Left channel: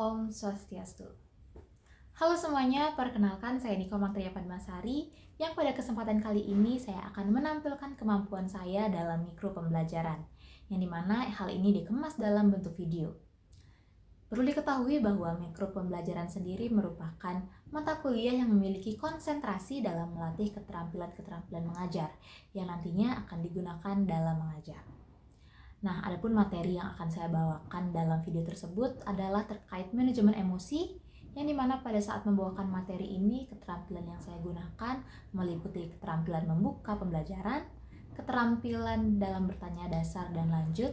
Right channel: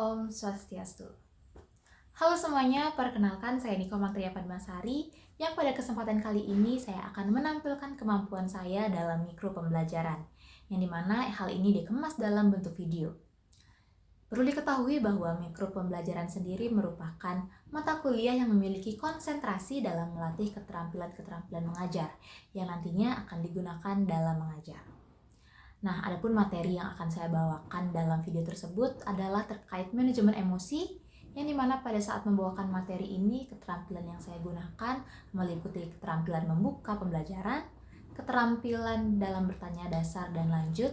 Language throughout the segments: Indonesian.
Om Swastiastu. Halo semuanya, perkenalkan saya Niko Mantria Padmasari yang pada kesempatan kali ini saya akan menampilkan kemampuan saya dalam mikro pembelajaran, yang dimana hal ini dikemas dalam bentuk video. Perlu diketahui bahwa mikro pembelajaran sendiri merupakan mata kuliah yang memiliki konsentrasi dalam melatih keterampilan-keterampilan mengajar yang nantinya akan digunakan dalam mengajar. Nah, adapun materi yang akan saya bawakan dalam video tersebut adalah terkait manajemen emosi, yang dimana pada saat membawakan materi ini, keterampilan yang saya gunakan meliputi keterampilan membuka pembelajaran, keterampilan dalam bertanya dasar dan lanjut,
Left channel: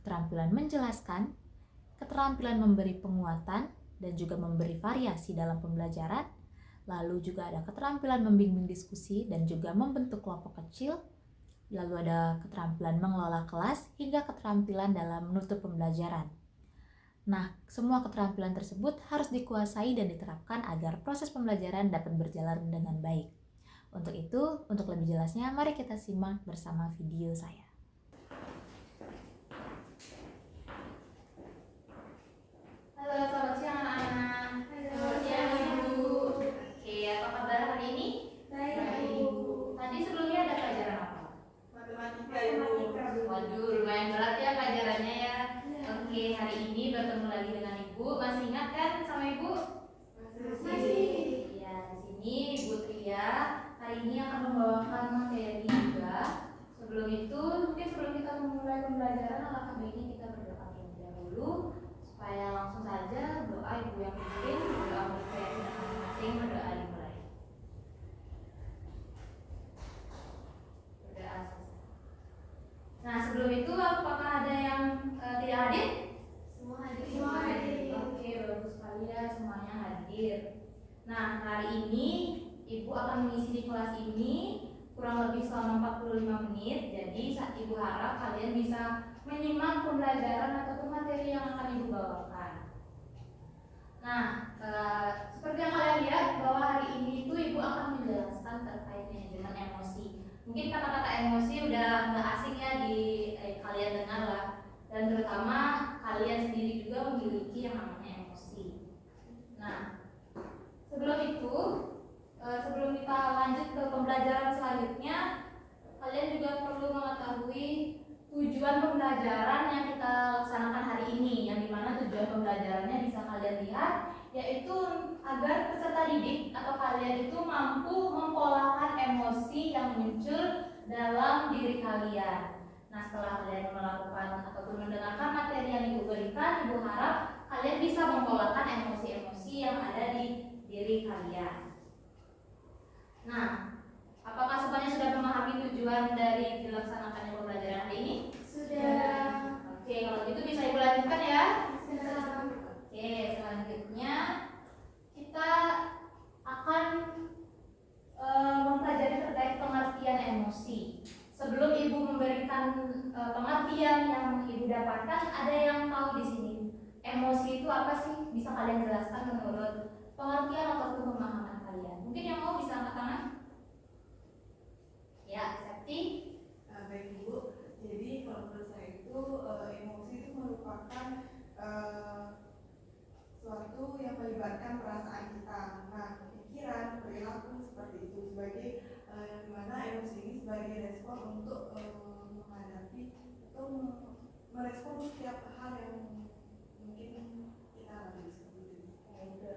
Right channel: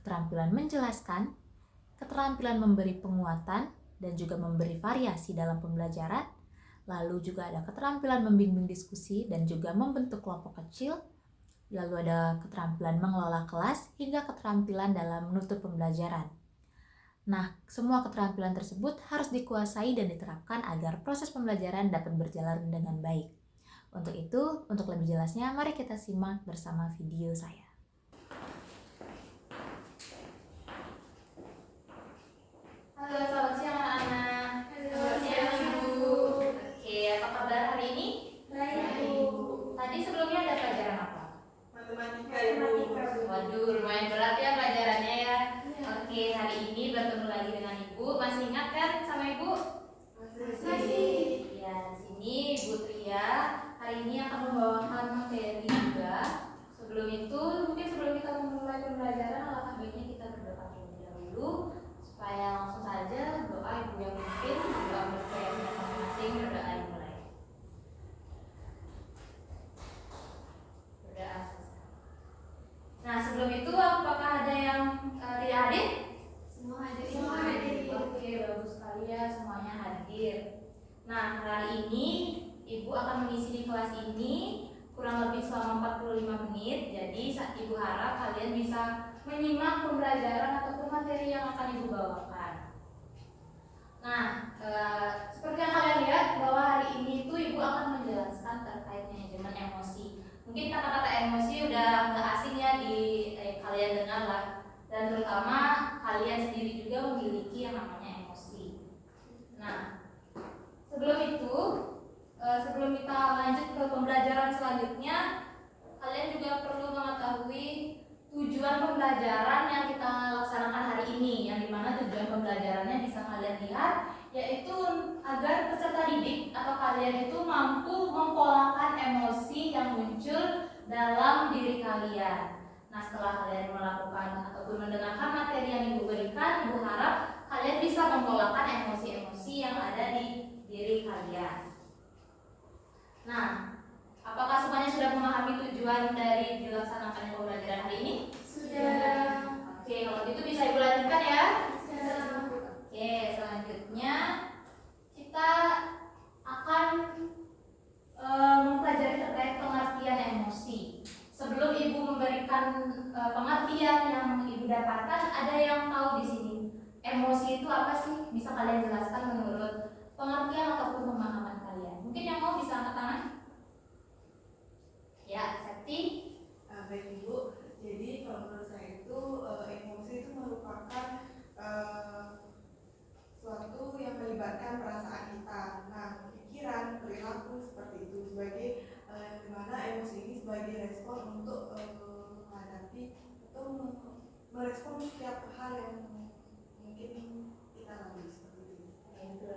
keterampilan menjelaskan, keterampilan memberi penguatan dan juga memberi variasi dalam pembelajaran, lalu juga ada keterampilan membimbing diskusi dan juga membentuk kelompok kecil, lalu ada keterampilan mengelola kelas hingga keterampilan dalam menutup pembelajaran. Nah, semua keterampilan tersebut harus dikuasai dan diterapkan agar proses pembelajaran dapat berjalan dengan baik. Untuk itu, untuk lebih jelasnya, mari kita simak bersama video saya. Halo, selamat siang anak-anak. Selamat siang, Ibu. Oke, apa kabar hari ini? Baik, Bu. Tadi sebelumnya ada pelajaran apa? Matematika, Ibu. Waduh, lumayan berat ya pelajarannya ya. Oke, hari ini bertemu lagi dengan Ibu. Masih ingat kan sama Ibu? Masih. Ya, di sini Ibu Tria hari ini akan membawakan materi juga. Sebelum itu, mungkin sebelum kita memulai pembelajaran, alangkah baiknya kita berdoa terlebih dahulu supaya langsung saja doa Ibu yang pimpin, doa berkait masing-masing, berdoa dimulai. Berdoa selesai. Nah, sebelum itu apakah ada yang tidak hadir? Semua hadir. Oke, bagus sekali ya, semuanya hadir. Nah, hari ini Ibu akan mengisi di kelas ini kurang lebih selama 45 menit. Jadi Ibu harap kalian bisa menyimak pembelajaran ataupun materi yang akan Ibu bawakan. Nah, seperti yang kalian lihat bahwa hari ini itu Ibu akan menjelaskan terkait manajemen emosi. Mungkin kata-kata emosi udah nggak asing ya di kalian dengar lah. Dan terutama kalian sendiri juga memiliki yang namanya emosi. Nah, sebelum itu, sebelum kita lanjut ke pembelajaran selanjutnya, kalian juga perlu mengetahui tujuan pembelajaran yang kita laksanakan hari ini, yang dimana tujuan pembelajarannya bisa kalian lihat, yaitu agar peserta didik atau kalian itu mampu mempolakan emosi yang muncul dalam diri kalian. Nah, setelah kalian melakukan ataupun mendengarkan materi yang Ibu berikan, Ibu harap kalian bisa mempolakan emosi-emosi yang ada di diri kalian. Nah, apakah semuanya sudah memahami tujuan dari dilaksanakannya pembelajaran hari ini? Sudah. Oke, kalau gitu bisa Ibu lanjutkan ya. Sudah. Oke, selanjutnya kita akan mempelajari terkait pengertian emosi. Sebelum Ibu memberikan pengertian yang Ibu dapatkan, ada yang tahu di sini emosi itu apa sih? Bisa kalian jelaskan menurut pengertian ataupun pemahaman kalian? Mungkin yang mau bisa angkat tangan? Ya, Septi. Baik, Ibu. Jadi kalau menurut saya itu emosi itu merupakan suatu yang melibatkan perasaan kita. Nah, pikiran, perilaku seperti itu sebagai dimana emosi ini sebagai respon untuk menghadapi atau merespon setiap hal yang mungkin kita lalui seperti itu.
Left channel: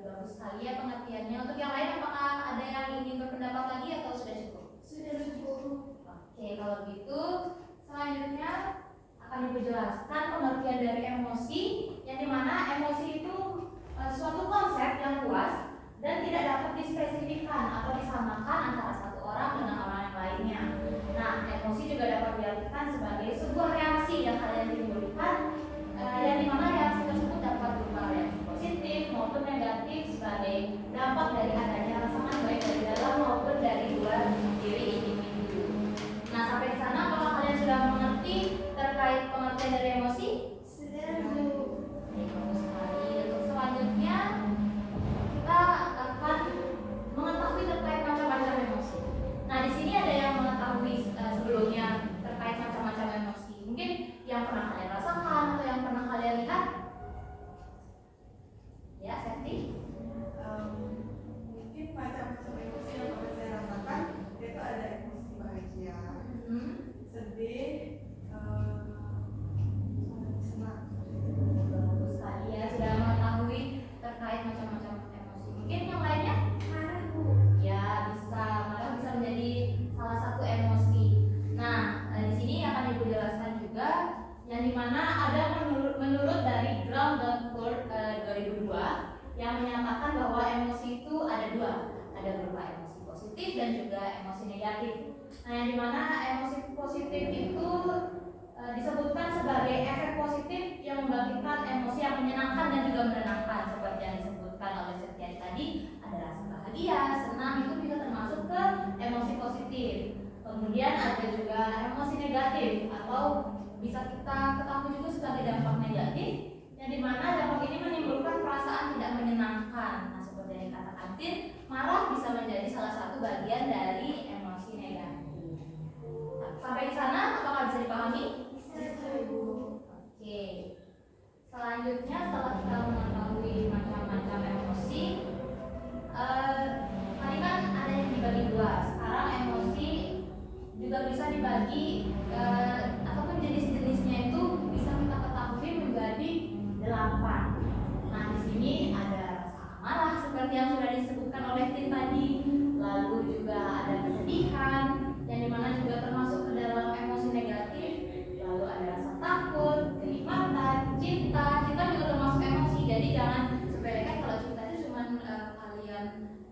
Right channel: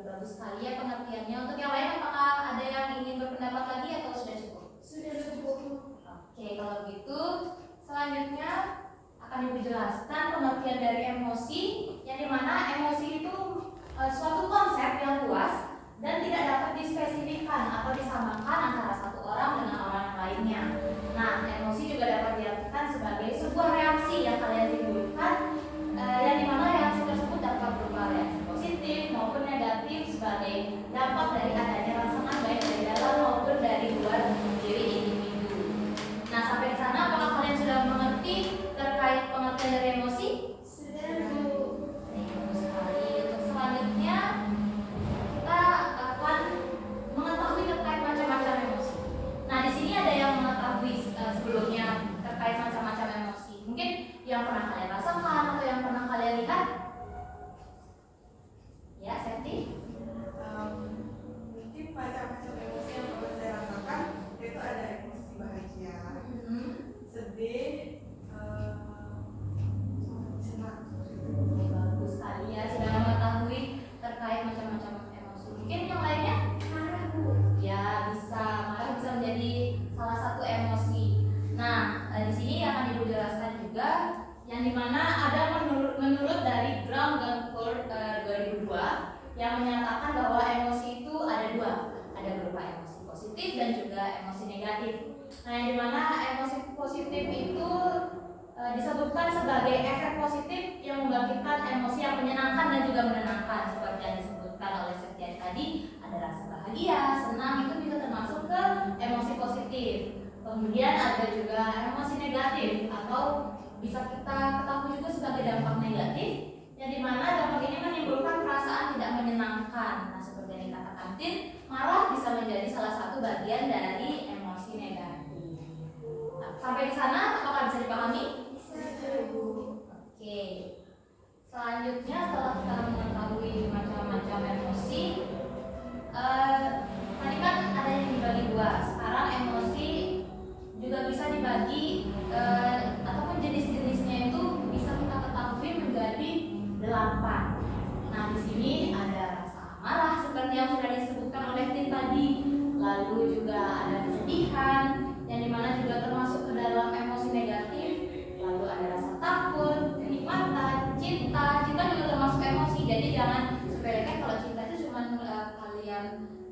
Bagus sekali ya pengertiannya. Untuk yang lain, apakah ada yang ingin berpendapat lagi atau sudah cukup? Sudah cukup. Oke, kalau begitu selanjutnya akan Ibu jelaskan pengertian dari emosi, yang dimana emosi itu suatu konsep yang luas dan tidak dapat dispesifikkan atau disamakan antara satu orang dengan orang yang lainnya. Nah, emosi juga dapat diartikan sebagai sebuah reaksi yang kalian timbulkan, yang dimana reaksi tersebut dapat berupa reaksi positif maupun negatif sebagai dampak dari adanya rangsangan baik dari dalam maupun dari luar diri individu. Nah, sampai di sana apakah kalian sudah mengerti terkait pengertian dari emosi? Sudah, Bu. Bagus sekali. Untuk selanjutnya kita akan mengetahui terkait macam-macam emosi. Nah, di sini ada yang mengetahui sebelumnya terkait macam-macam emosi. Mungkin yang pernah kalian rasakan atau yang pernah kalian lihat? yang menyatakan bahwa emosi itu ada dua, ada berupa emosi positif dan juga emosi negatif. Nah, yang dimana emosi positif itu disebutkan sebagai efek positif yang membangkitkan emosi yang menyenangkan dan juga menenangkan, seperti yang disebutkan oleh Septiani tadi. Ada rasa bahagia, senang, itu bisa termasuk ke emosi positif. Kemudian ada juga emosi negatif atau bisa kita ketahui juga sebagai dampak negatif, yang dimana dampak ini menimbulkan perasaan tidak menyenangkan. Nah, seperti yang dikatakan Tin, marah bisa menjadi salah satu bagian dari emosi negatif. Sampai di sana apakah bisa dipahami? Oke. Selanjutnya setelah kita mengetahui macam-macam emosi, tadi kan ada yang dibagi dua. Sekarang emosi juga bisa dibagi ataupun jenis-jenisnya itu bisa kita ketahui menjadi 8. Nah, di sini ada rasa amarah seperti yang sudah disebutkan oleh Tin tadi. Lalu juga ada kesedihan, yang dimana juga termasuk ke dalam emosi negatif. Lalu ada rasa takut, kenikmatan, cinta juga termasuk emosi. Jadi jangan sepelekan kalau cinta itu cuma kalian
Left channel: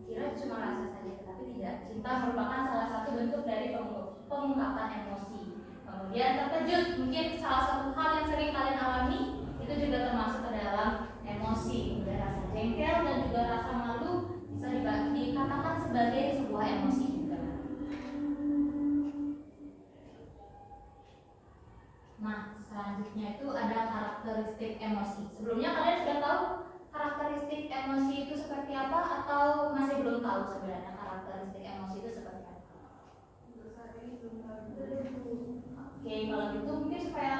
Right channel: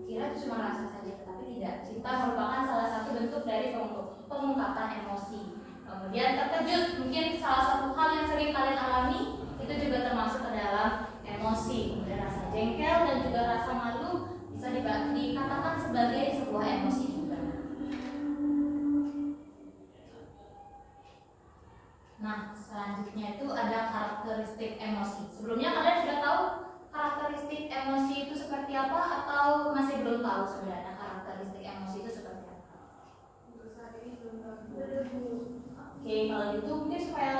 kira itu cuma rasa saja, tapi tidak. Cinta merupakan salah satu bentuk dari pengungkapan emosi. Kemudian terkejut, mungkin salah satu hal yang sering kalian alami, itu juga termasuk ke dalam emosi. Kemudian rasa jengkel dan juga rasa malu bisa dikatakan sebagai sebuah emosi juga. Nah, selanjutnya itu ada karakteristik emosi. Sebelumnya kalian sudah tahu karakteristik emosi itu seperti apa atau masih belum tahu sebenarnya karakteristik emosi itu seperti apa? Untuk saat ini belum. Oke, kalau gitu mungkin supaya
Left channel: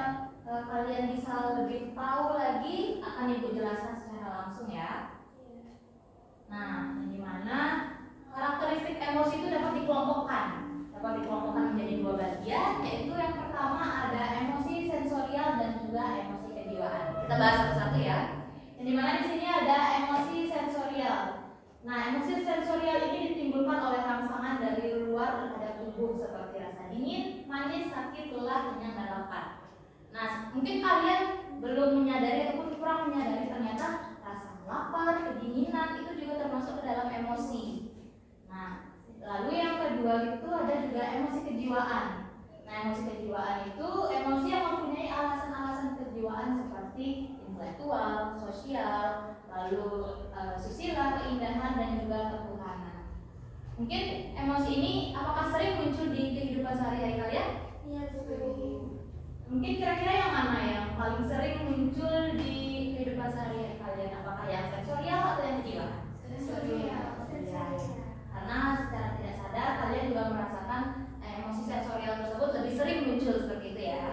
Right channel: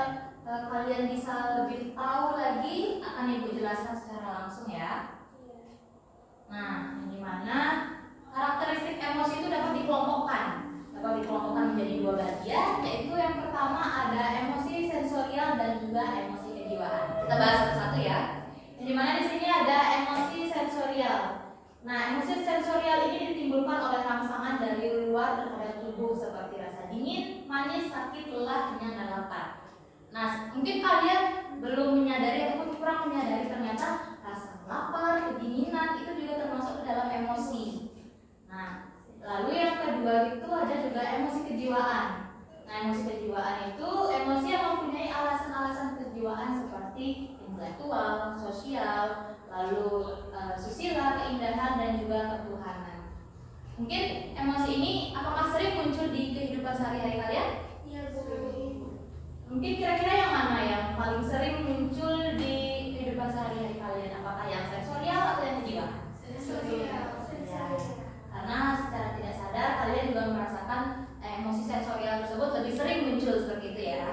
kalian bisa lebih tahu lagi akan Ibu jelaskan secara langsung ya. Nah, yang dimana karakteristik emosi itu dapat dikelompokkan menjadi dua bagian, yaitu yang pertama ada emosi sensorial dan juga emosi kejiwaan. Kita bahas satu-satu ya. Yang dimana di sini ada emosi sensorial. Nah, emosi sensorial ini ditimbulkan oleh rangsangan dari luar terhadap tubuh seperti rasa dingin, manis, sakit, lelah, kenyang, dan lapar. Nah, mungkin kalian belum menyadari ataupun kurang menyadari ternyata rasa lapar, kedinginan itu juga termasuk ke dalam emosi. Nah, lalu yang kedua itu ada juga emosi kejiwaan. Nah, emosi kejiwaan itu emosi yang mempunyai alasan-alasan kejiwaan seperti intelektual, sosial, lalu susila, keindahan, dan juga ketuhanan. Mungkin emosi ini apakah sering muncul di kehidupan sehari-hari kalian? Iya, sering. Mungkin kira-kira yang mana yang paling sering muncul di kehidupan sehari-hari kalian? Apakah yang sensorial atau yang kejiwaan? Sensorial. Karena secara tidak sadar kalian juga merasakan emosi sensorial tersebut lebih sering muncul seperti itu ya.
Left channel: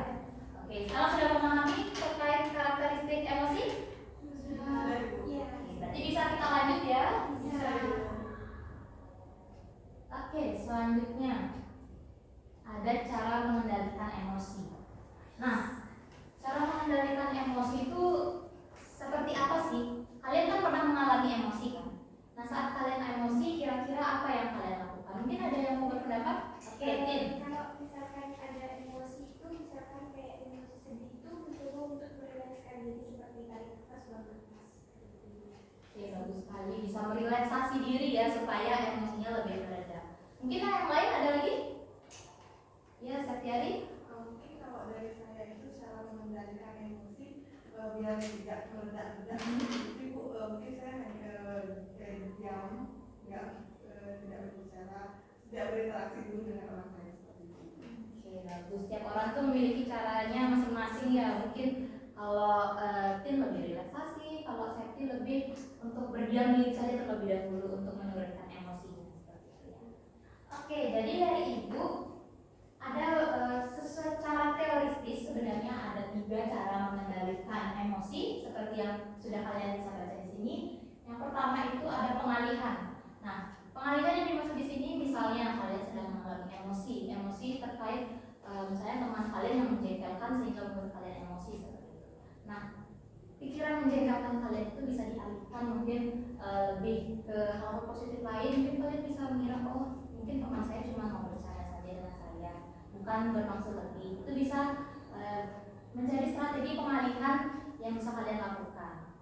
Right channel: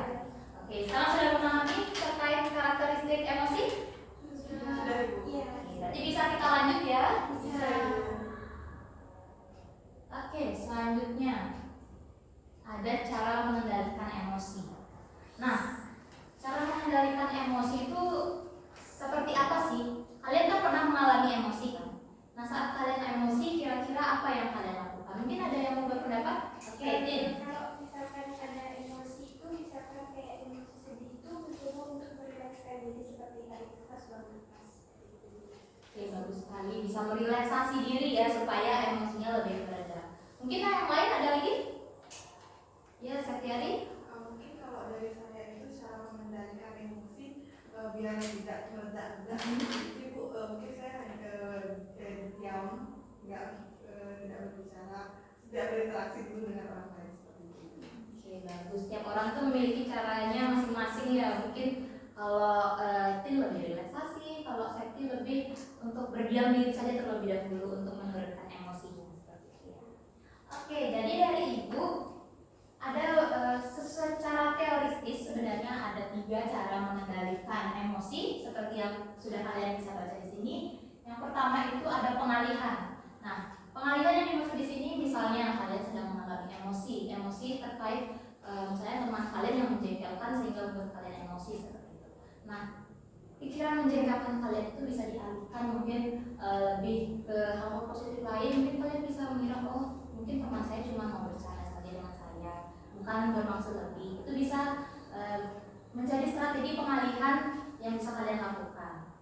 Oke, sekarang sudah memahami terkait karakteristik emosi? Iya. Berarti bisa kita lanjut ya? Bisa. Oke, selanjutnya ada cara mengendalikan emosi. Nah, cara mengendalikan emosi itu seperti apa sih? Kalian kan pernah mengalami emosi kan? Nah, saat kalian emosi, kira-kira apa yang kalian lakukan? Mungkin ada yang mau berpendapat? Oke, Tin. Kalau misalkan ada emosi itu, misalkan kayak emosi sedih itu, mencoba untuk merilekskan diri seperti tarik nafas, buang nafas. Oke, bagus sekali. Bisa merelaksasi diri ya supaya emosinya lebih reda. Mungkin yang lain ada lagi? Ya, Septiani? Mungkin kalau dari saya itu cara mengendalikan emosi biar tidak meledak-ledak. Jadi mungkin saya diam, tidak berbicara, tidak berinteraksi dulu dengan orang lain seperti itu. Oke, bagus. Setiap orang tuh memiliki caranya masing-masing ya. Mungkin kalau Tin lebih relaksasi, kalau Septi lebih untuk berdiam diri saja terlebih dahulu untuk menurunkan emosinya seperti itu ya. Oke, jadi dari Ibu ada secara teoristis sebenarnya ada 3 cara mengendalikan emosi seperti yang sudah kalian bisa baca di sini. Yang pertama itu ada pengalihan. Nah, pengalihan yang dimaksud di sini misalnya kalian sedang mengalami emosi terkait misalnya teman kalian yang menjengkelkan sehingga membuat kalian emosi seperti itu. Nah, pikiran menjengkelkan kalian itu bisa dialihkan mungkin lebih ke hal positif lain. Mungkin kalian bisa mengira mungkin teman saya cuma mau bercanda saja dengan saya, bukan bermaksud lebih. Itu bisa menjadi strategi pengalihan yang bisa kalian lakukan.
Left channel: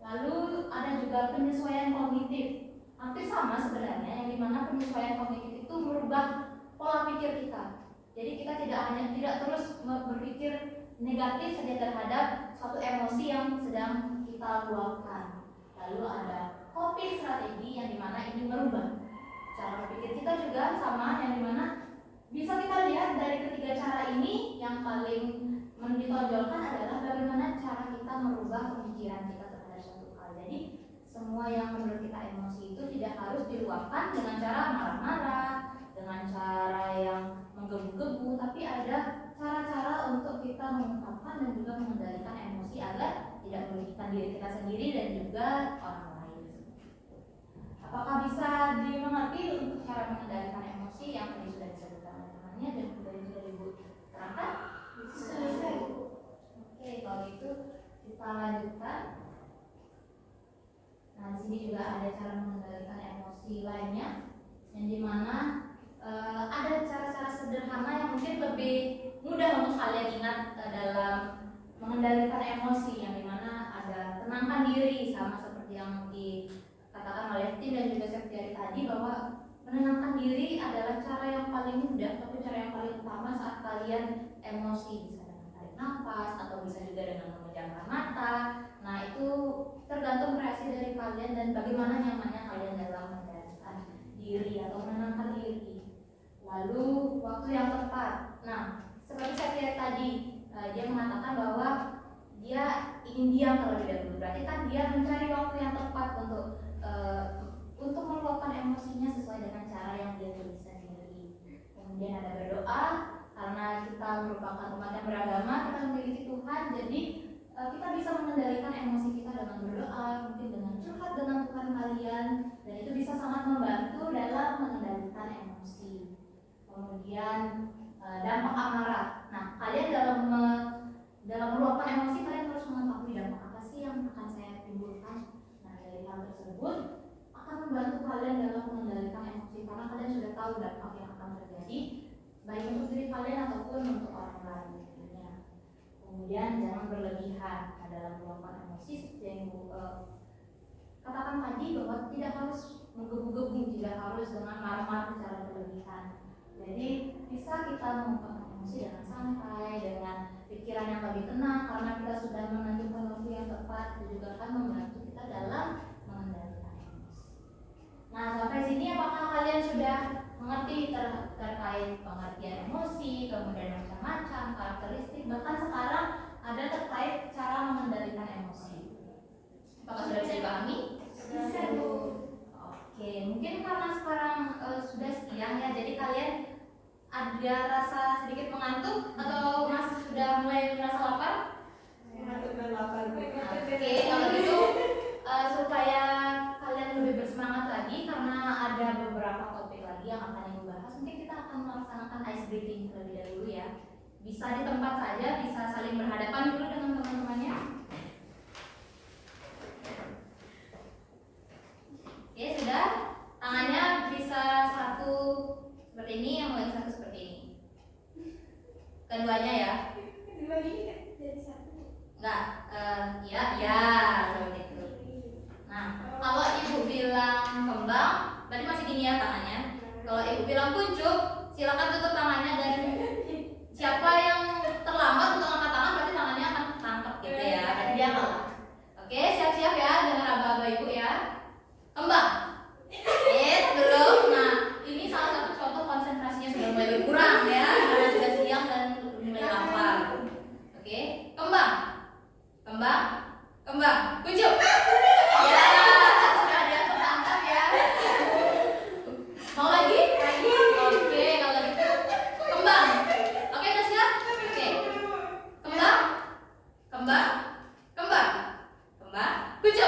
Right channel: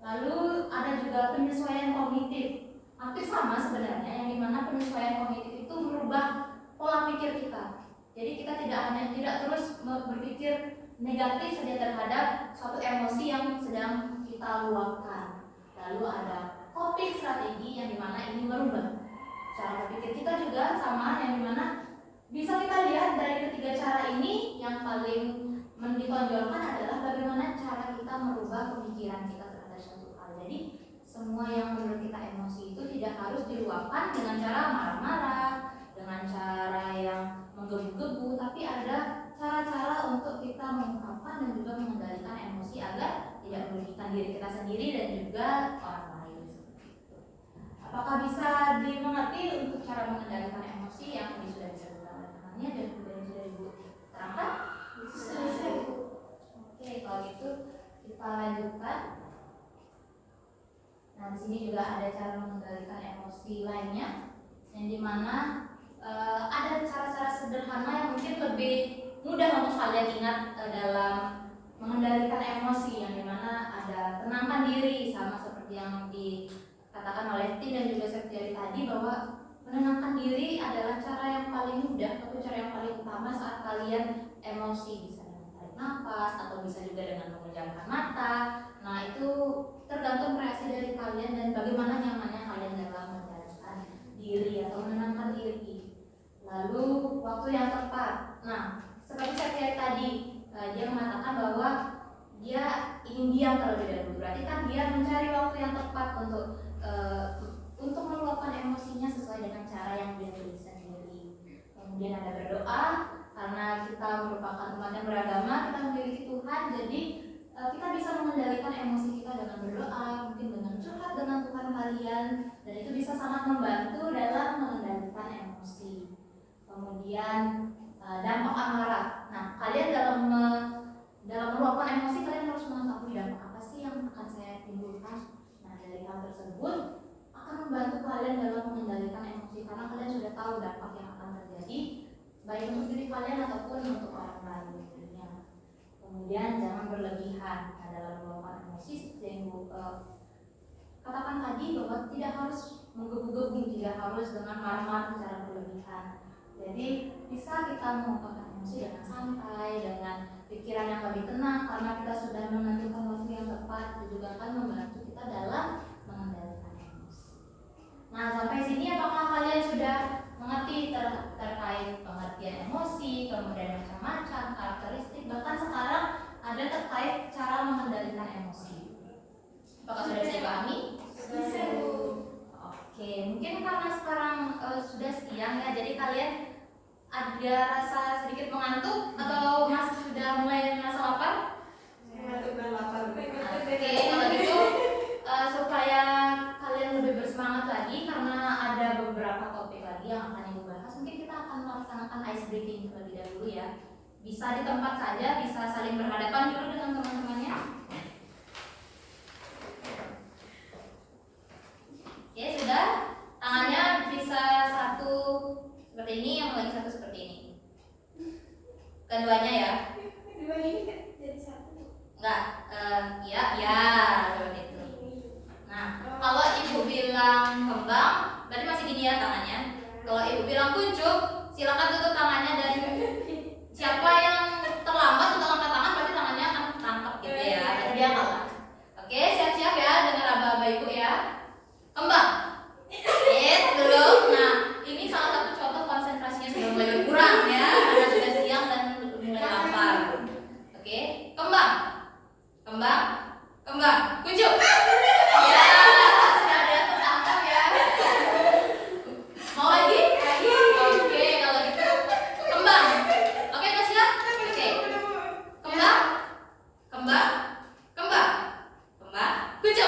Lalu ada juga penyesuaian kognitif. Hampir sama sebenarnya, yang dimana penyesuaian kognitif itu merubah pola pikir kita. Jadi kita tidak terus berpikir negatif saja terhadap suatu emosi yang sedang kita luapkan. Lalu ada coping strategi yang dimana ini merubah cara berpikir kita juga sama, yang dimana bisa kita lihat dari ketiga cara ini yang paling ditonjolkan adalah bagaimana cara kita merubah pemikiran kita terhadap suatu hal. Jadi semua yang menurut kita emosi itu tidak harus diluapkan dengan cara marah-marah, dengan cara yang menggebu-gebu, tapi ada cara-cara untuk kita mengungkapkan dan juga mengendalikan emosi agar tidak merugikan diri kita sendiri dan juga orang lain. Apakah bisa dimengerti untuk cara mengendalikan emosi yang tadi sudah disebutkan oleh temannya dan kemudian sudah Ibu terangkan? Bisa. Oke, kalau gitu kita lanjutkan. Nah, di sini juga ada cara mengendalikan emosi lainnya, yang dimana ada cara-cara sederhana yang mungkin lebih mudah untuk kalian ingat dalam mengendalikan emosi, yang dimana ada tenangkan diri, sama seperti yang dikatakan oleh Tim dan juga Septiari tadi, bahwa menenangkan diri adalah cara yang paling mudah atau cara yang paling utama saat kalian emosi. Bisa dengan tarik nafas atau bisa juga dengan memejamkan mata. Nah, itu tergantung reaksi dari kalian dan bagaimana nyamannya kalian dalam mengendalikan diri atau menenangkan diri. Lalu waktu yang tepat. Nah, seperti saya lihat tadi, dia mengatakan bahwa dia ingin diam terlebih dahulu. Berarti kan dia mencari waktu yang tepat untuk meluapkan emosinya sesuai dengan cara yang dia tulis sendiri. Kemudian ada berdoa, karena kita merupakan umat yang beragama, kita memiliki Tuhan, jadi kita bisa mengendalikan emosi kita dengan berdoa, mungkin dengan curhat dengan Tuhan kalian, dan itu bisa sangat membantu dalam mengendalikan emosi. Kemudian dampak amarah. Nah, kalian dalam meluapkan emosi, kalian harus mengetahui dampak apa sih yang akan saya timbulkan. Nah, dari hal tersebut akan membantu kalian dalam mengendalikan emosi, karena kalian sudah tahu dampak yang akan terjadi baik untuk diri kalian ataupun untuk orang lain. Kemudian jangan berlebihan dalam meluapkan emosi, seperti yang Ibu katakan tadi, bahwa tidak harus menggebu-gebu, tidak harus dengan marah-marah secara berlebihan. Jadi bisa kita mengungkapkan emosi dengan santai, dengan pikiran yang lebih tenang, karena kita sudah menentukan waktu yang tepat. Itu juga akan membantu kita dalam mengendalikan emosi. Nah, sampai sini apakah kalian sudah mengerti terkait pengertian emosi, kemudian macam-macam karakteristik, bahkan sekarang ada terkait cara mengendalikan emosi? Apakah sudah bisa dipahami? Bisa, Bu. Oke, mungkin karena sekarang sudah siang ya, jadi kalian ada rasa sedikit mengantuk atau masih sudah mulai merasa lapar? Ngantuk dan lapar. Oke, kalau gitu supaya kalian lebih bersemangat lagi, karena ada beberapa topik lagi yang akan Ibu bahas, mungkin kita akan melaksanakan ice breaking terlebih dahulu ya. Bisa di tempat saja, bisa saling berhadapan dulu dengan teman-temannya. Oke, sudah. Tangannya bisa satu seperti ini, yang lagi satu seperti ini. Keduanya ya. Dua ini kan jadi satu. Enggak, ya, seperti itu. Nah, kalau Ibu bilang kembang, berarti masih gini ya tangannya. Kalau Ibu bilang kuncup, silakan tutup tangannya, dan siapa yang terlambat untuk angkat tangan berarti tangannya akan tangkap gitu ya. Berarti dia kalah. Oke, siap-siap ya dengan aba-aba Ibu ya. Kembang. Belum. Nah, ini salah satu contoh konsentrasinya sudah mulai berkurang ya, karena sudah siang dan mulai lapar. Oke, kembang. Kuncup. Ya, sudah ada yang tertangkap ya. Mau lagi? Oke, kalau gitu kembang. Oke, masih siap? Oke. Kembang. Kuncup.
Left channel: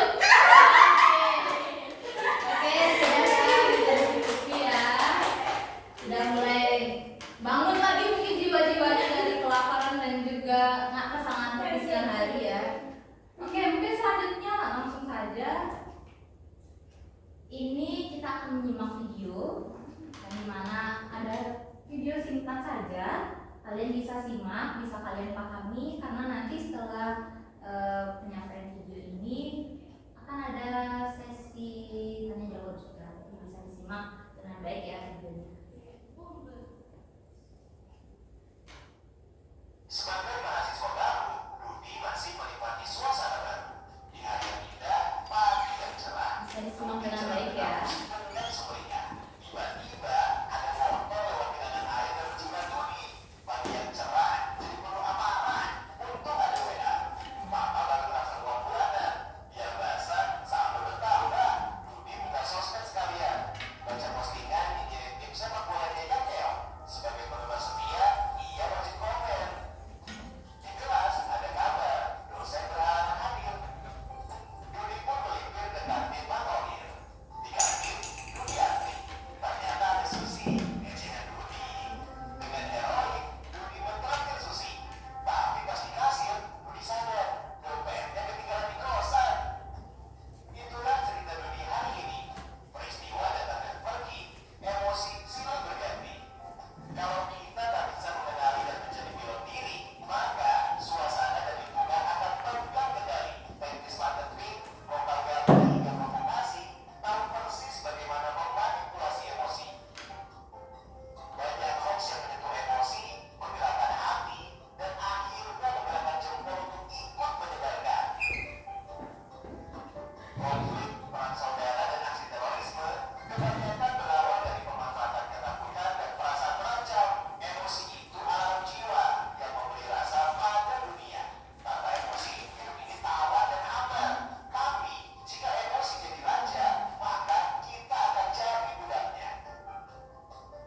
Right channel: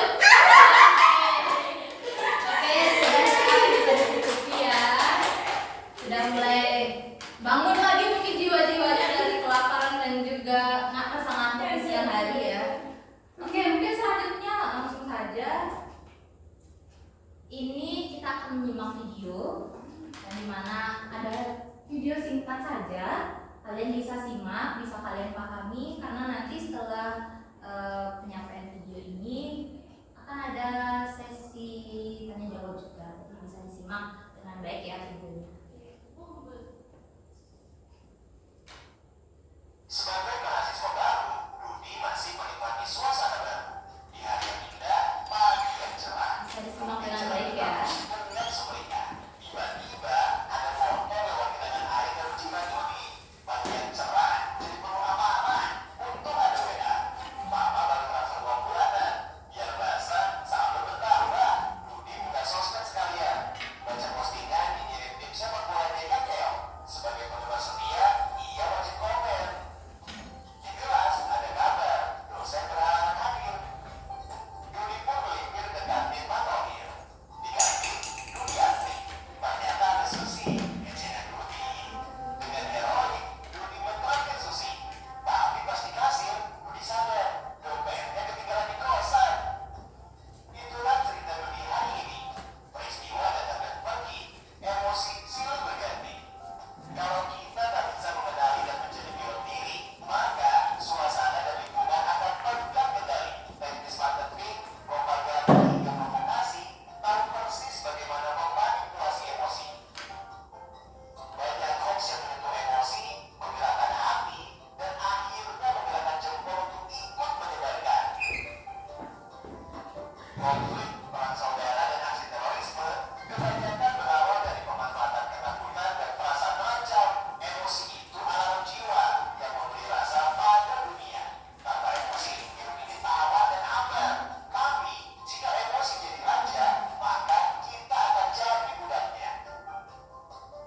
Konflik perang saudara dan aksi terorisme kebanyakan berawal dari pemanfaatan ketakutan dan perasaan terancam. Emosi itu alarm jiwa yang memberi rasa pada dunia. Tanpa emosi, hidup ini tawa dan hambar. Tapi, jika emosi jadi raja, maka kita akan jadi budaknya.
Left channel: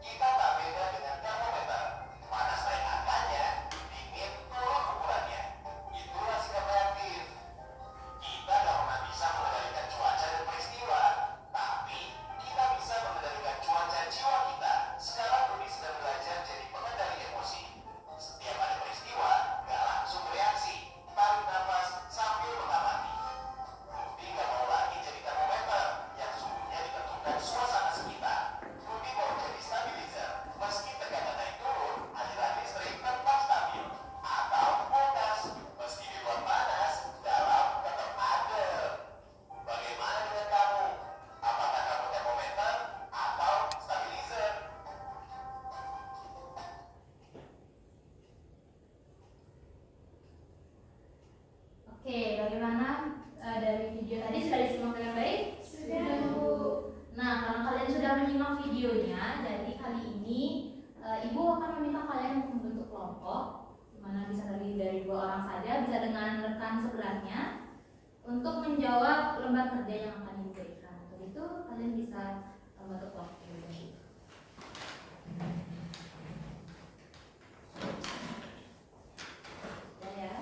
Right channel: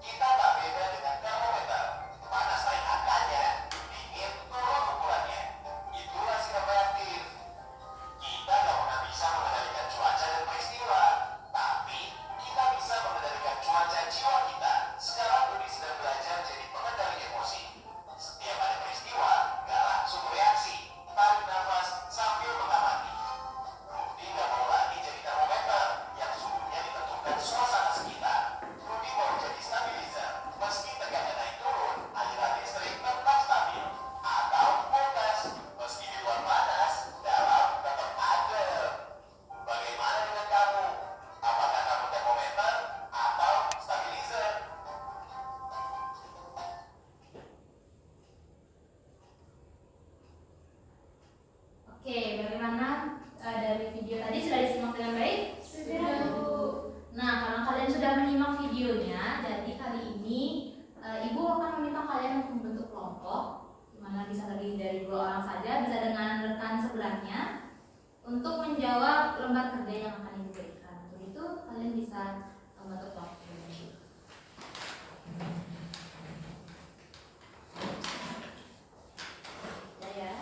Kita tak beda dengan termometer. Panas naik angkanya, dingin turun ukurannya. Itulah sikap reaktif. Kita nggak pernah bisa mengendalikan cuaca dan peristiwa, tapi kita bisa mengendalikan cuaca jiwa kita. Sekarang Budi sedang belajar jadi pengendali emosi. Setiap ada peristiwa, nggak langsung bereaksi. Tarik nafas sambil mengamati. Budi nggak mau lagi jadi termometer yang suhunya ditentukan suasana sekitar. Budi mau jadi stabilizer. Meski tegangan naik turun, aliran listrik tetap stabil. Atau kulkas, meski di luar panas, dalam tetap adem. Bagaimana dengan kamu? Apakah kamu termometer atau stabilizer? Oke, bagaimana dari video tadi sudah disimak dengan baik? Sudah, Bu. Nah, karena kalian sudah menyimak videonya, jadi kali ini Ibu akan meminta kalian untuk membentuk kelompok, di mana bisa terdiri dari 2 orang saja, bisa dengan rekan sebelahnya, untuk menjawab lembar kerja yang akan Ibu berikan. Untuk itu kalian bisa membentuk kelompok ini. Ya.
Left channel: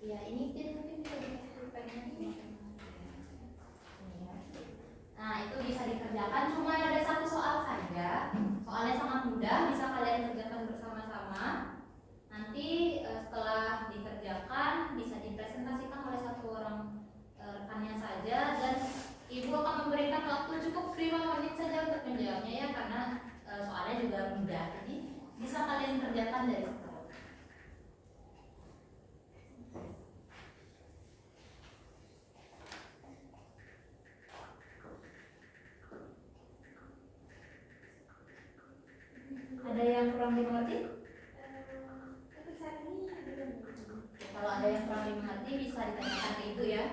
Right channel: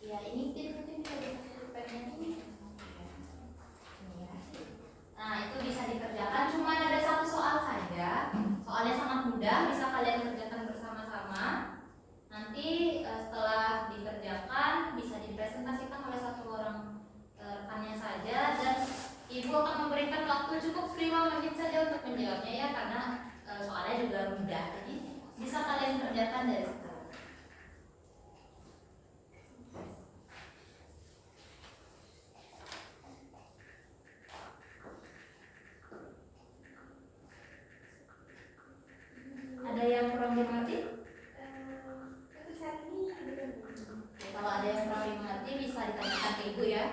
Ya, ini mungkin bisa dikasih speknya ini. Ya. Nah, itu bisa dikerjakan, cuma ada 1 soal saja. Soalnya sangat mudah, bisa kalian kerjakan bersama-sama. Nanti setelah dikerjakan bisa dipresentasikan oleh 1 orang rekannya saja, dan Ibu akan memberikan waktu cukup 5 menit saja untuk menjawabnya ya, karena soalnya juga mudah. Jadi bisa kalian kerjakan dari sekarang. Ada yang kurang dimengerti? Untuk saat ini belum. Kalau ada yang kurang dimengerti bisa ditanyakan ke Ibu ya.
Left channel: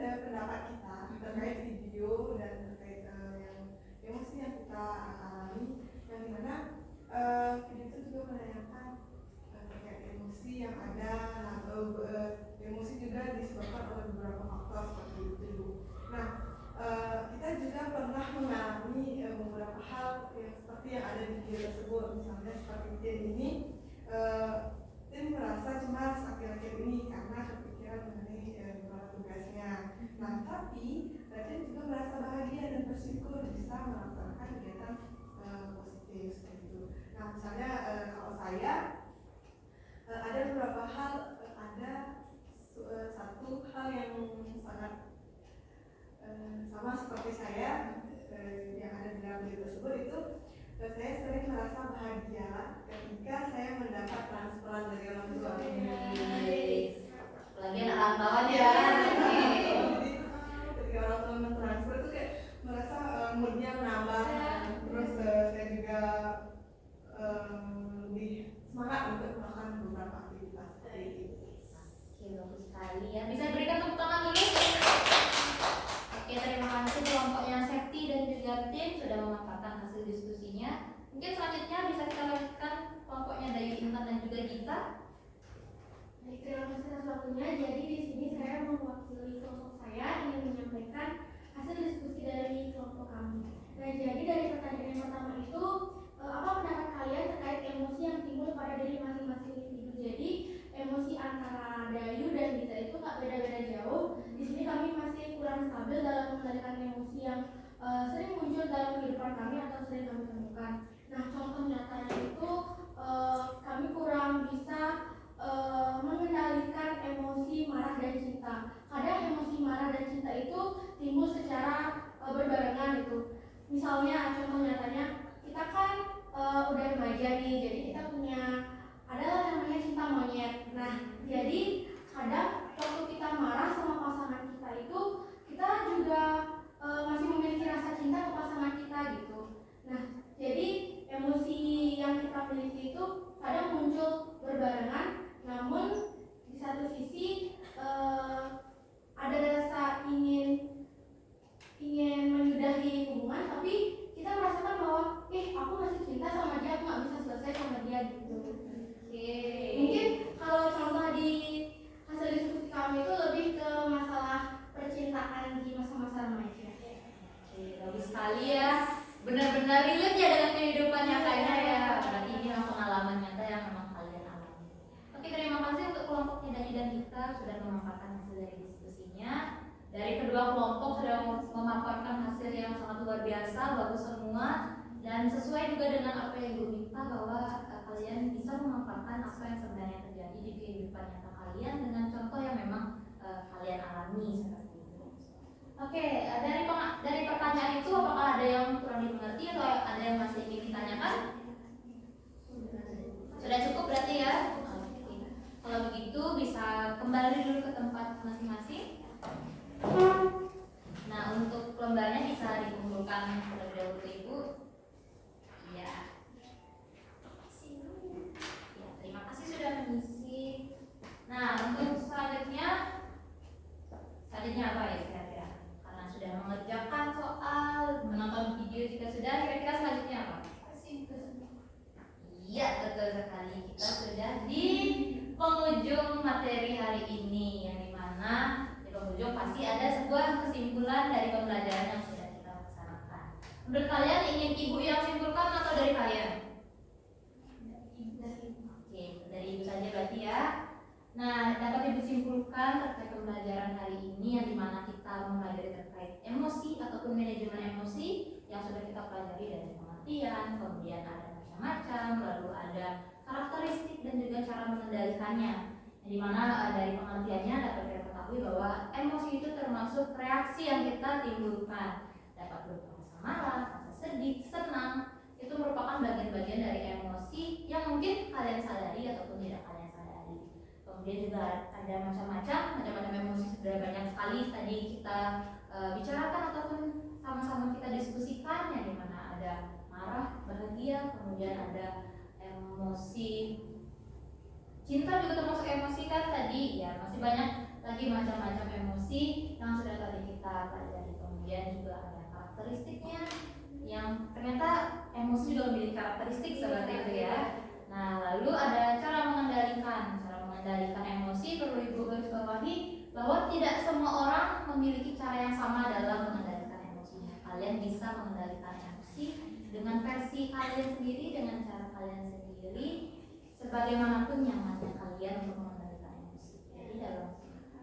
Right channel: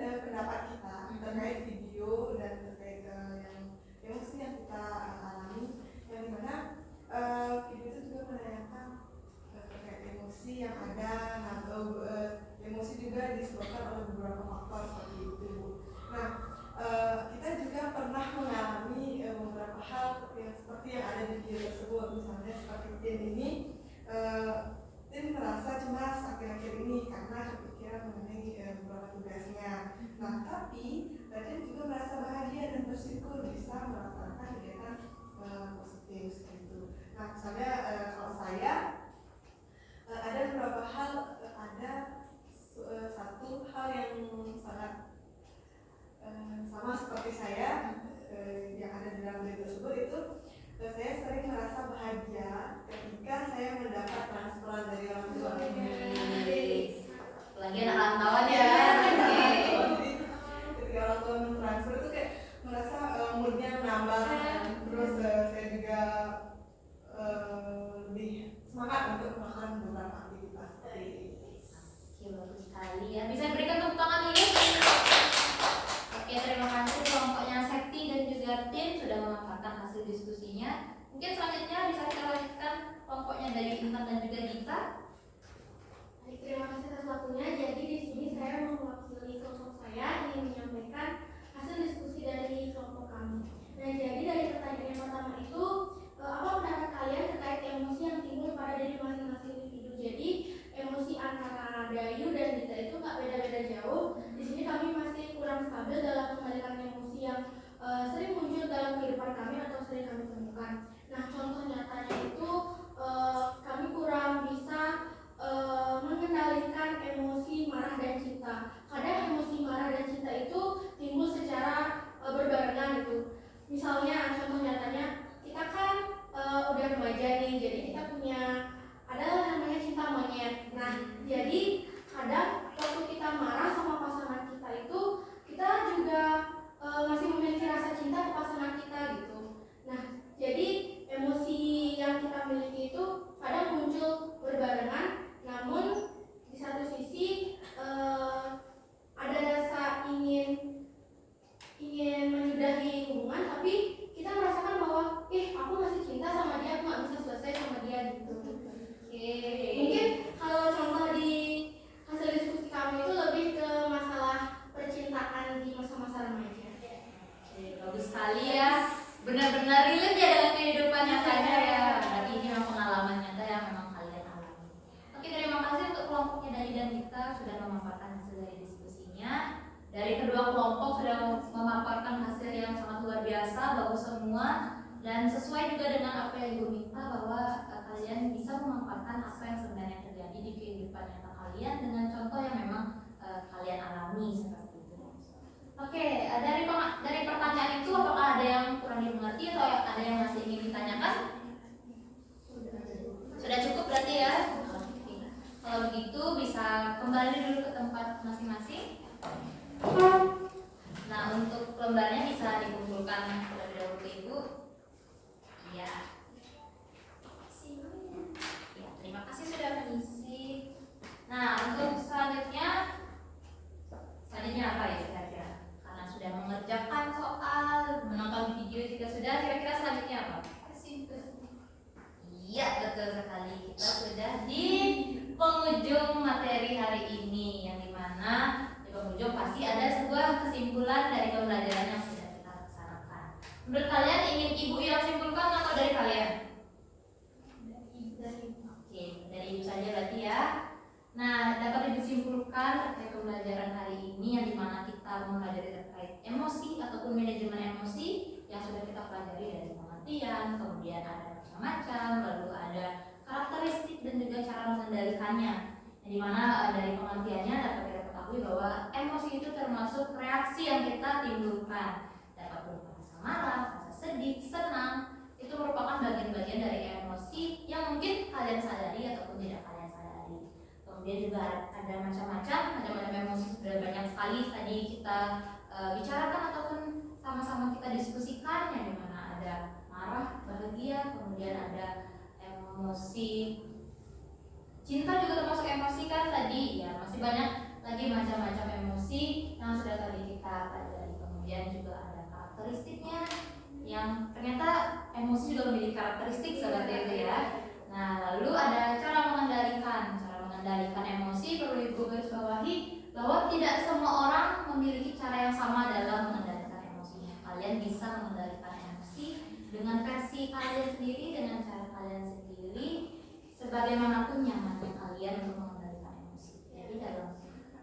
pendapat kita terkait video dan terkait yang emosi yang kita alami, yang dimana video itu juga menanyakan terkait emosi yang ada, atau emosi juga disebabkan oleh beberapa faktor seperti itu. Nah, kita juga pernah mengalami beberapa hal yang seperti yang ada di video tersebut, misalnya seperti Tin ini. Tin merasa cemas akhir-akhir ini karena kepikiran mengenai beberapa tugasnya. Nah, tapi Tin juga merasa bahagia dan bersyukur bisa melaksanakan kegiatan positif seperti itu. Nah, misalnya kalau saya ada beberapa hal, ada satu hal yang sangat sama seperti saya yang ada di dalam video tersebut, itu saya sering merasa bahagia ketika saya mendapat transferan dari orang tua. Lagi anak rantauan ya. Jadi ketika orang tua mentransfer itu kayak merasa moodnya menambah, terus saya juga lebih semangat untuk melakukan beberapa aktivitas seperti itu. Oke, bagus sekali ya. Bisa berikan tepuk tangan dulu. Oke, terima kasih kelompoknya Sekti dan juga Tin sudah memanfaatkan hasil diskusinya. Mungkin selanjutnya bisa kita lanjutkan kelompoknya dari Intan dan juga Gita. Terima kasih atas waktunya. Jadi di sini saya mewakili kelompok saya ingin menyampaikan hasil diskusi dari kelompok kami. Nah, jadi dari pertanyaan yang pertama itu, apa pendapat kalian terkait emosi yang timbul pada diri masing-masing individu? Jadi emosi antara Dayu dan Gita itu nggak beda-beda jauh. Di sini kami masih kurang stabil dalam mengendalikan emosi yang sering muncul dalam kehidupan kami atau sering kami temukan. Nah, contoh nyatanya itu kami kurang bisa mengendalikan emosi marah dan cinta. Kadang emosi marah dan cinta itu timbul secara berbarengan gitu. Misalnya contoh nyatanya, kita kan udah remaja nih, jadi kita punya adalah namanya cinta monyet. Nah, jadi kadang waktu kita marah sama pasangan kita itu, kita juga masih memiliki rasa cinta ke pasangan kita gitu. Nah, jadi emosi yang kita miliki itu kadang muncul berbarengan, namun di satu sisi ada rasa ingin menyudahi hubungan, tapi kita merasakan bahwa aku masih cinta sama dia, aku nggak bisa selesai sama dia gitu. Mungkin kalau contoh di hasil diskusi kami itu lebih ke masalah percintaan di masa-masa remaja. Bagus sekali ya. Benar-benar relate ya dengan kehidupan nyatanya ya. Berarti ini memang pengalaman nyata yang memang kalian alami. Oke, terima kasih untuk kelompoknya Dayu dan Gita sudah memanfaatkan hasil dari diskusinya. Dari kedua kelompok sudah memaparkan hasil yang sangat luar biasa, bagus semua, dan sesuai juga dengan apa yang Ibu minta, bahwa kalian bisa memanfaatkan apa yang sebenarnya terjadi di kehidupan nyata kalian dengan contoh yang memang kalian alami seperti itu. Oke, dari pertanyaan itu apakah ada yang kurang dimengerti atau ada yang masih ingin ditanyakan? Sudah cukup berarti ya? Oke. Kalau begitu bisa kembali dulu ke tempat masing-masing. Nah, untuk lembarnya bisa dikumpulkan terlebih dahulu ke Ibu. Iya. Ya, terima kasih sudah mengisi. Nah, untuk selanjutnya apa ya kira-kira? Karena sudah mengerjakan soal, menonton video juga sudah, kira-kira selanjutnya apa? Iya, betul sekali. Kita sudah di penghujung materi hari ini, yang dimana di penghujung pasti ada sebuah kesimpulan dari pembelajaran yang sudah kita laksanakan. Menurut kalian ingin Ibu yang simpulkan atau dari kalian? Oke, dari Ibu saja berarti ya. Nah, dapat Ibu simpulkan terkait pembelajaran hari ini, yang dimana kita mempelajari terkait emosi ataupun manajemen emosi yang sudah kita pelajari dari pengertian, kemudian ada macam-macam, lalu ada karakteristik dan juga cara mengendalikannya. Yang dimana dari pengertiannya dapat kita ketahui bahwa emosi itu termasuk reaksi yang kita timbulkan, dapat berupa rasa marah, rasa sedih, senang. Itu merupakan bagian-bagian dari emosi yang mungkin kalian sadari ataupun tidak kalian sadari. Kemudian juga ada macam-macam emosi, sudah banyak sekali tadi kita bicarakan ataupun sama-sama kita diskusikan, yang dimana ada marah, bahagia, kemudian ada emosi Cinta juga termasuk emosi kan tadi ya, masih banyak lagi macam-macam emosi yang sudah tadi kita pelajari. Kemudian juga ada karakteristiknya yang ternyata emosi juga memiliki karakteristik seperti itu ya. Nah, lalu ada cara mengendalikan emosi. Perlu Ibu garis bawahi bahwa tidak semua orang memiliki cara yang sama dalam mengendalikan emosinya. Kalian bisa mengendalikan emosi dengan versi kalian sendiri, dengan cara kalian sendiri, sebagaimanapun nyamannya kalian untuk mengendalikan emosi. Jadi dalam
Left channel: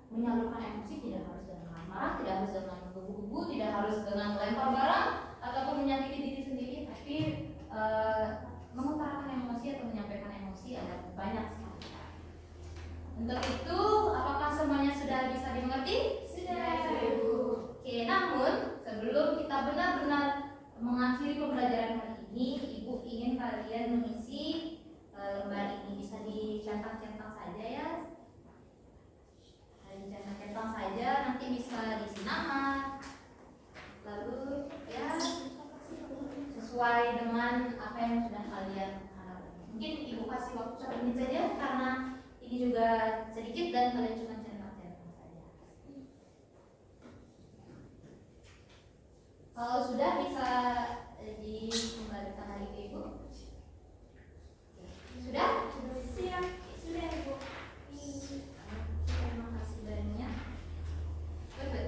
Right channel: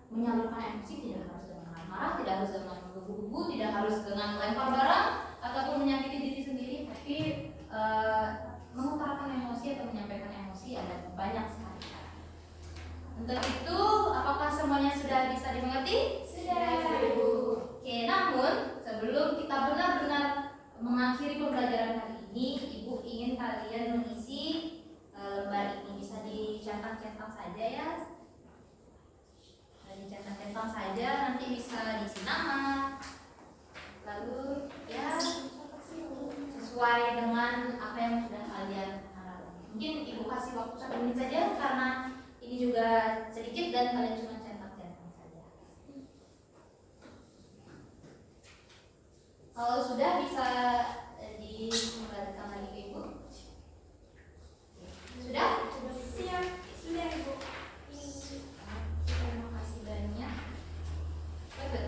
menyalurkan emosi tidak harus dengan marah, tidak harus dengan menggebu-gebu, tidak harus dengan melempar barang ataupun menyakiti diri sendiri, tapi mengutarakan emosi atau menyampaikan emosi ada banyak sekali. Untuk itu, apakah semuanya sudah bisa dimengerti? Sudah. Oke, namun sebelum kita benar-benar mengakhiri pembelajaran hari ini, Ibu ingin kalian mengisi lembar ini. Bisa dicetak-cetak saja ya. Dicetak-cetak saja, nanti bisa diisi nama. Lalu ya sesuai dengan apa yang sudah kalian harapkan. Mungkin Ibu kasih waktu 1 menit saja karena ini juga sedikit dan kalian cuma cetak-cetak saja. Kalau sudah bisa dikembalikan lagi ke Ibu. Sudah? Siap. Sudah, Ibu. Terima kasih banyak. Betul.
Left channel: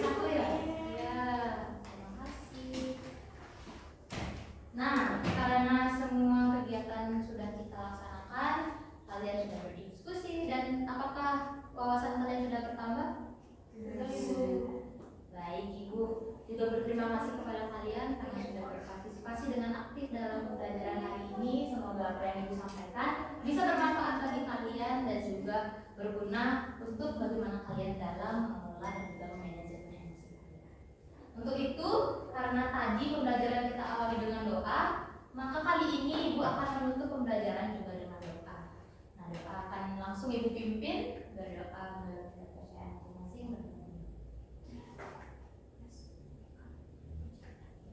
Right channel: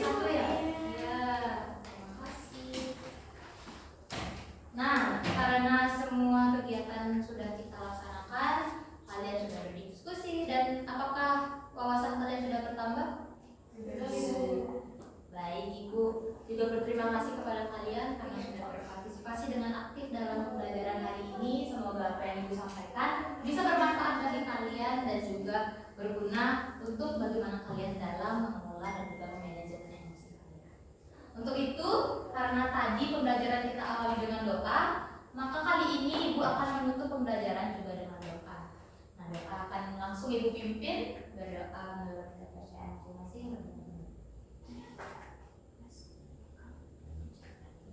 Satu ya? Iya, terima kasih. Nah, karena semua kegiatan sudah kita laksanakan, kalian sudah berdiskusi dan apakah wawasan kalian sudah bertambah? Baik, Ibu juga berterima kasih kepada kalian karena sudah berpartisipasi dengan aktif dalam pembelajaran hari ini. Semoga apa yang Ibu sampaikan bisa bermanfaat bagi kalian dan juga berguna untuk bagaimana kalian dalam mengelola dan juga memanajemen emosi kalian. Untuk itu, karena tadi pembelajaran kita awali dengan doa, maka kali ini Ibu akan menutup pembelajaran juga dengan doa. Nah, doa akan langsung Ibu pimpin berdoa menurut kepercayaan masing-masing.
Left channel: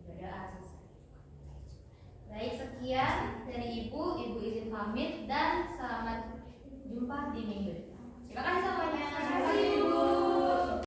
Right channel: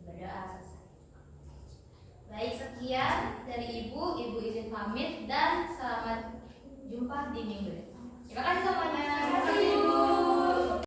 Berdoa selesai. Baik, sekian dari Ibu izin pamit dan selamat jumpa di minggu depan. Terima kasih.